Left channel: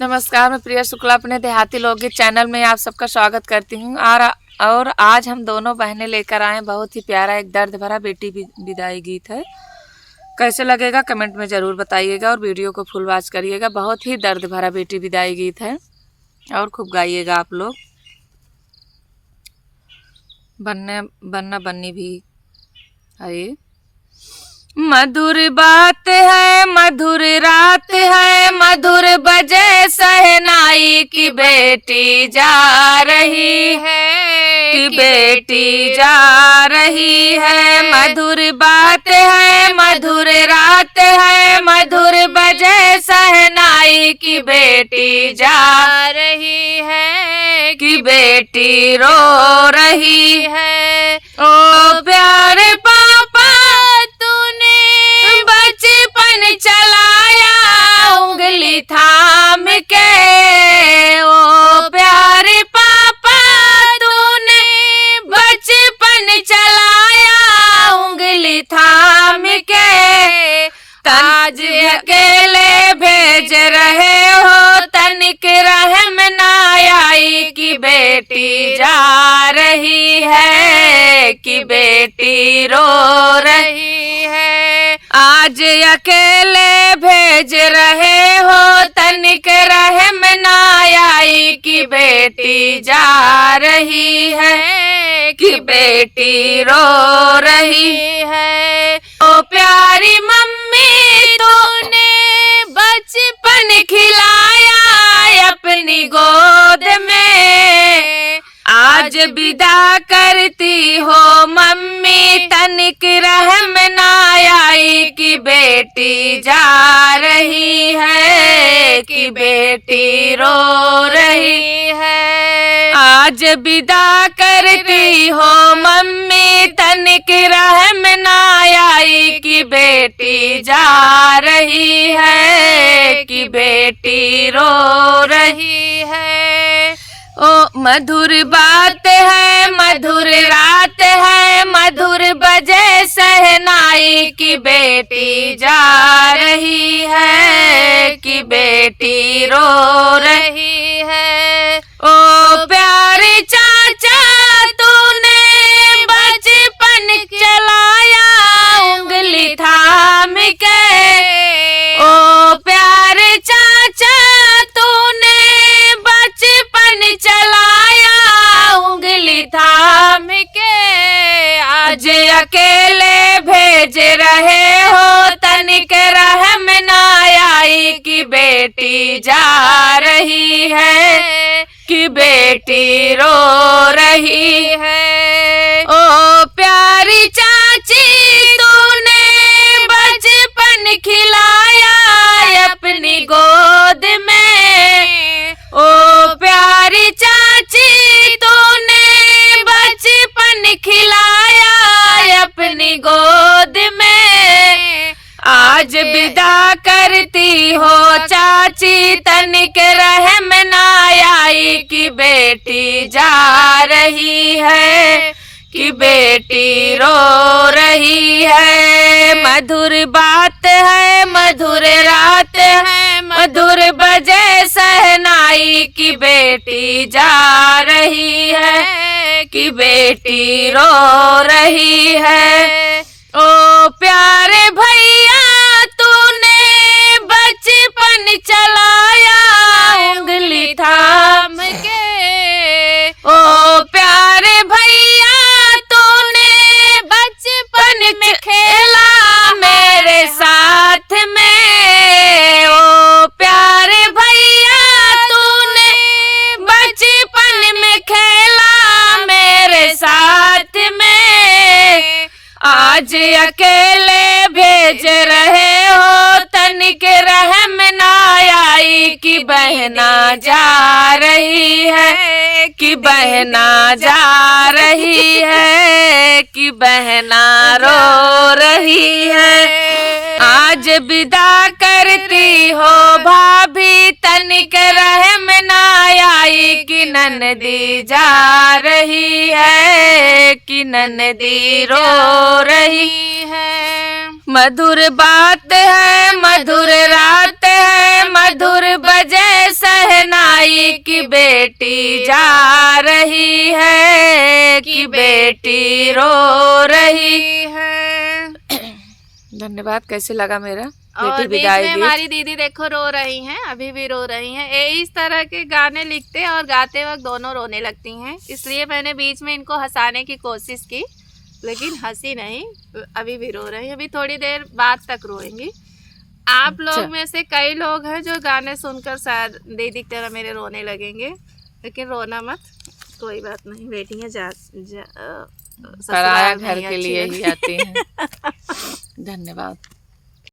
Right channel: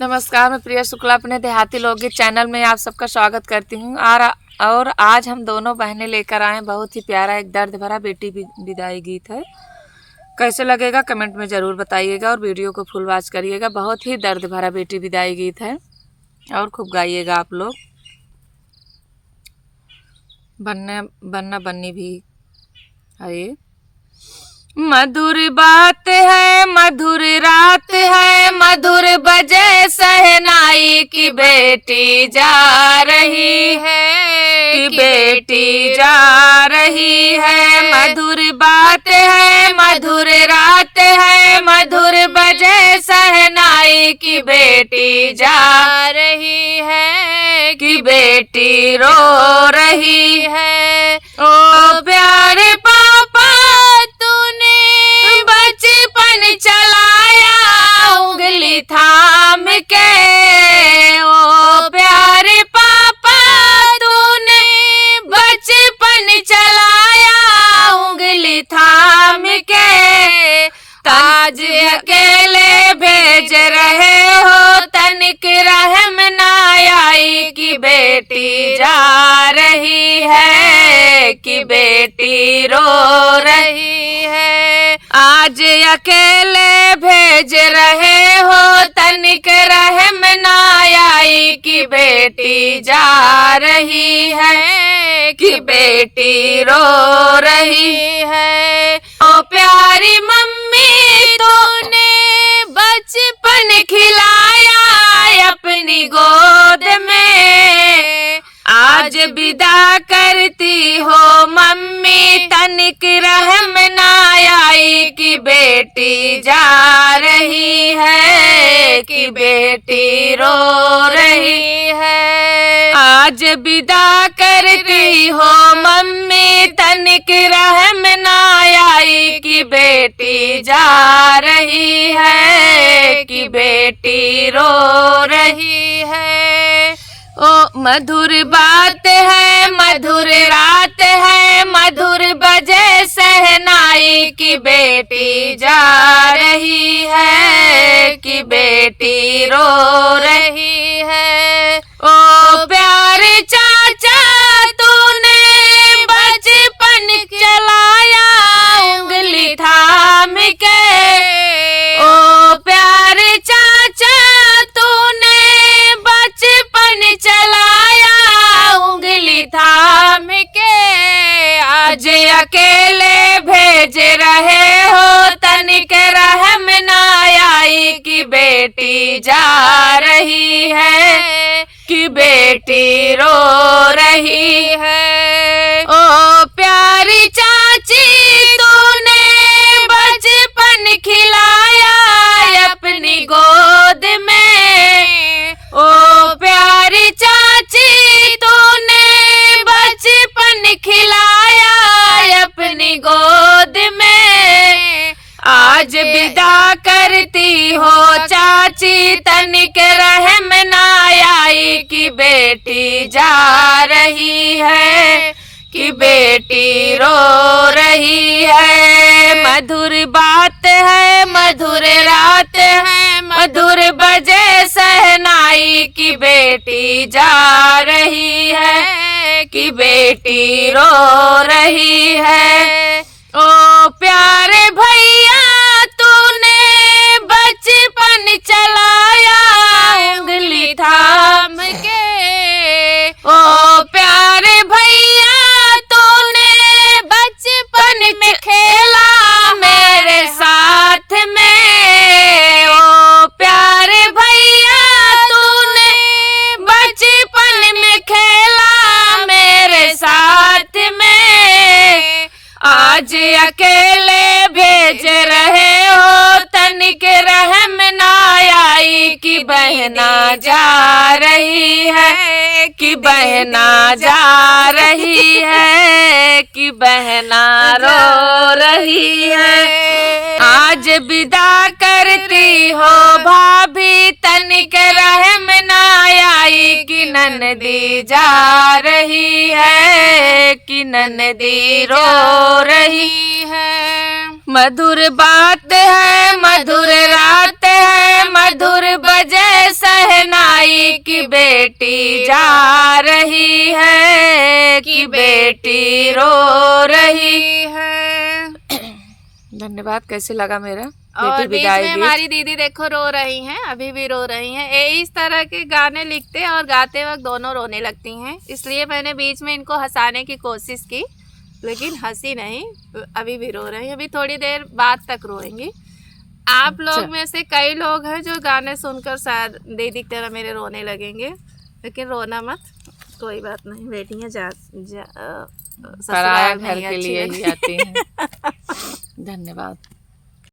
नमस्कार, मैं प्रिया शुक्ला अपने देहाती लोकगीत चैनल में आप सबका स्वागत करती हूँ। और आज हम दोनों बहनें लेकर आए बहुत ही प्यारा एक दर्द भरा बेटी विदाई गीत है। कैसे लगेगा कमेंट में ज़रूर बताइएगा और वीडियो को फुल वॉच करिएगा। बहुत ही दर्द भरा बेटी विदाई गीत है और खूब गाइएगा आप लोग। बनना बन्नी भी है। मधुर बात है, मधुर रात है, मधुर बजे सहनाई की बेटी जा रही है, कि बेटी जा रही है। मधुर बात है, मधुर रात है, मधुर बजे सहनाई की बेटी जा रही है, कि बेटी रो रही है। ओ प्यारे पापा तूने बचपन चलाया उंगली थाम के, ओ प्यारे पापा तूने बचपन चलाया उंगली थाम के। ताज अकेले भेज रहे हो तनिक रहम ना आई, कि बेटी जा रही है, कि बेटी रो रही है। आज अकेले भेज रहे हो तनिक रहम ना आई, कि बेटी जा रही है, कि बेटी रो रही है। ओ प्यारी मम्मी तूने बचपन खिलाया अपनी गोद में, आज विदा करती हो मम्मी तनिक रहम ना आई, कि बेटी जा रही है, कि बेटी रो रही है। आज विदा करती हो मम्मी तनिक रहम ना आई, कि बेटी जा रही है, कि बेटी रो रही है। ओ मधुर बात है, मधुर रात है, मधुर बजे सहनाई की बेटी जा रही है, कि बेटी रो रही है। ओ प्यारे चाचा तूने बचपन चलाया उंगली थाम के, ओ प्यारे चाचा तूने बचपन चलाया उंगली थाम के। आज अकेले भेज रहे हो तनिक रहम ना आई, कि बेटी जा रही है, कि बेटी रो रही है। ओ प्यारी चाची तूने बचपन खिलाया अपनी गोद में, ओ प्यारी चाची तूने बचपन खिलाया अपनी गोद में। आज विदा करती हो चाची तनिक रहम ना आई, कि बेटी जा रही है, कि बेटी रो रही है। मधुर बात है, मधुर रात है, मधुर बजे सहनाई की बेटी जा रही है, कि बेटी रो रही है। ओ प्यारे भैया तूने बचपन चलाया उंगली थाम के, ओ प्यारे भैया तूने बचपन में खेला मेरे साथ में, ओ प्यारे भैया तूने बचपन में खेला मेरे साथ में। आज अकेले भेज रहे हो तनिक रहम ना आई, कि बहना जा रही है, कि बहना जा रही है, कि बहना रो रही है। आज विदा करती हो भाभी तनिक रहम ना आई, कि ननदी जा रही है, कि ननदी रो रही है। मधुर बात है, मधुर रात है, मधुर बजे सहनाई की बेटी जा रही है, कि बेटी रो रही है। धन्यवाद। कैसे लगा मेरा और बेटी बीच में विदाई गीत? हमारी दीदी देखो रो रही हैं, अभी भी रो रही हैं। इस तरह के गाने लिखते और गाते वक्त दोनों रोने लगती हैं, इसलिए मैंने बीच में इनको हंसाने की कोशिश की, लेकिन हंसी नहीं, अभी भी रो रही हैं। अभी थोड़ी देर बाद तक रोएंगी। आप लोग में से कई लोग हैं जो गाने सुनकर शायद दीदी की तरह मेरे रोने लगेंगे, लेकिन रोना मत, कोई बात नहीं। बेटियां पराया ससुराल में घर ही के अच्छी लिए ही लगती आती हैं। धन्यवाद।